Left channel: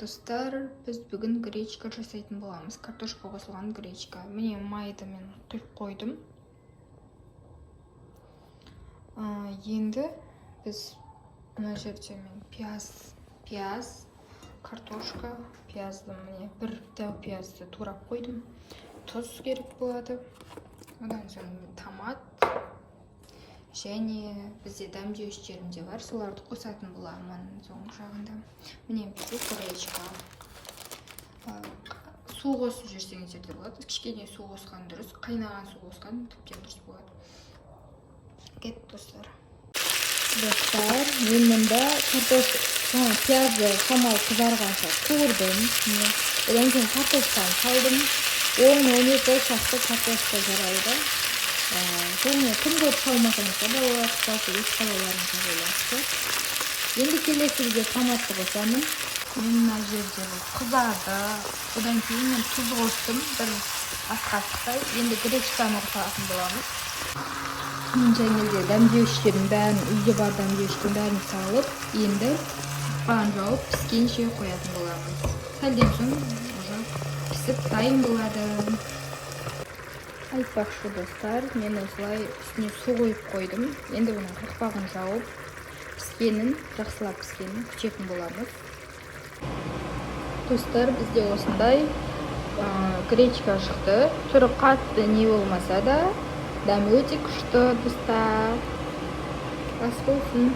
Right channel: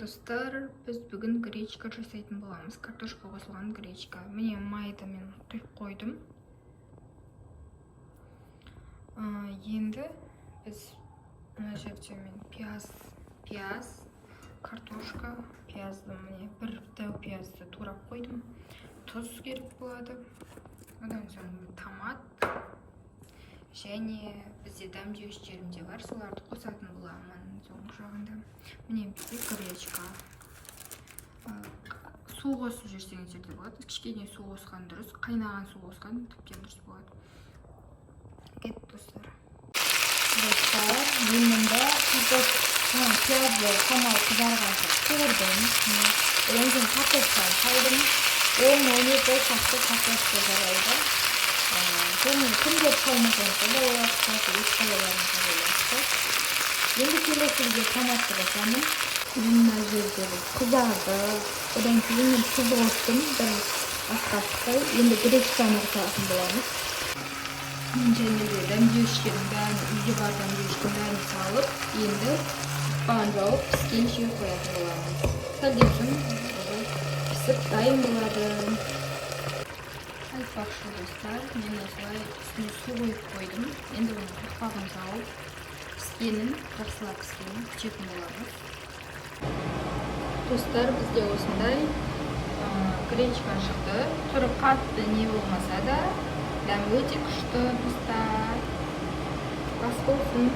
достар, біз бүгін гречка жасайтын боламыз. Картошка қосылған гречка. Міне майды мен құйып қойдым. Енді біз мына жерде мен пияз, картошка, пиязды міне бір дәу пиязды турап қойдым. Тұз керек болады. Одан соң томат және бізде дәмдеуіштерім де бар, соларды қосатын боламын соңғы жағында. Міне бізде гречка. Су қосып жіберсеңіздер де болады. Кішкене су қосқан дұрыс, қайнаған су қосқан тіптен дұрыс болады. Кет достар. Достар, мен мұнда пиязды шамалы қызарғанша қуырдым. Одан кейін картошканы салдым. 10-12 шақты картошка жарайды. Және кім көп салмағанша да олақса өз қалаларыңызға байланысты. Енді келесіде томатты қосамын. Мен мына жерде қызарды, одан кейін мен тұз қостым, бір ас қасықтай. Енді гречканы қосатын боламыз. Және де дәмдеуіштердің бәрін, үйде бар дәмдеуіштің бәрін салып, енді қақпағын жауып піскенше қоятын боламыз. Сәлден соң пісіп дайын болады. Айтпақшы достар, мен осылай үстіне су қойып қойдым. Енді оның қақпағын жауып, піскенін, жақсылап піскенін күтетін боламыз. Достар, бізде осындай гречка шықты. Түрі қатты не болмаса да, дәмі өте күшті достар. Ас болсын.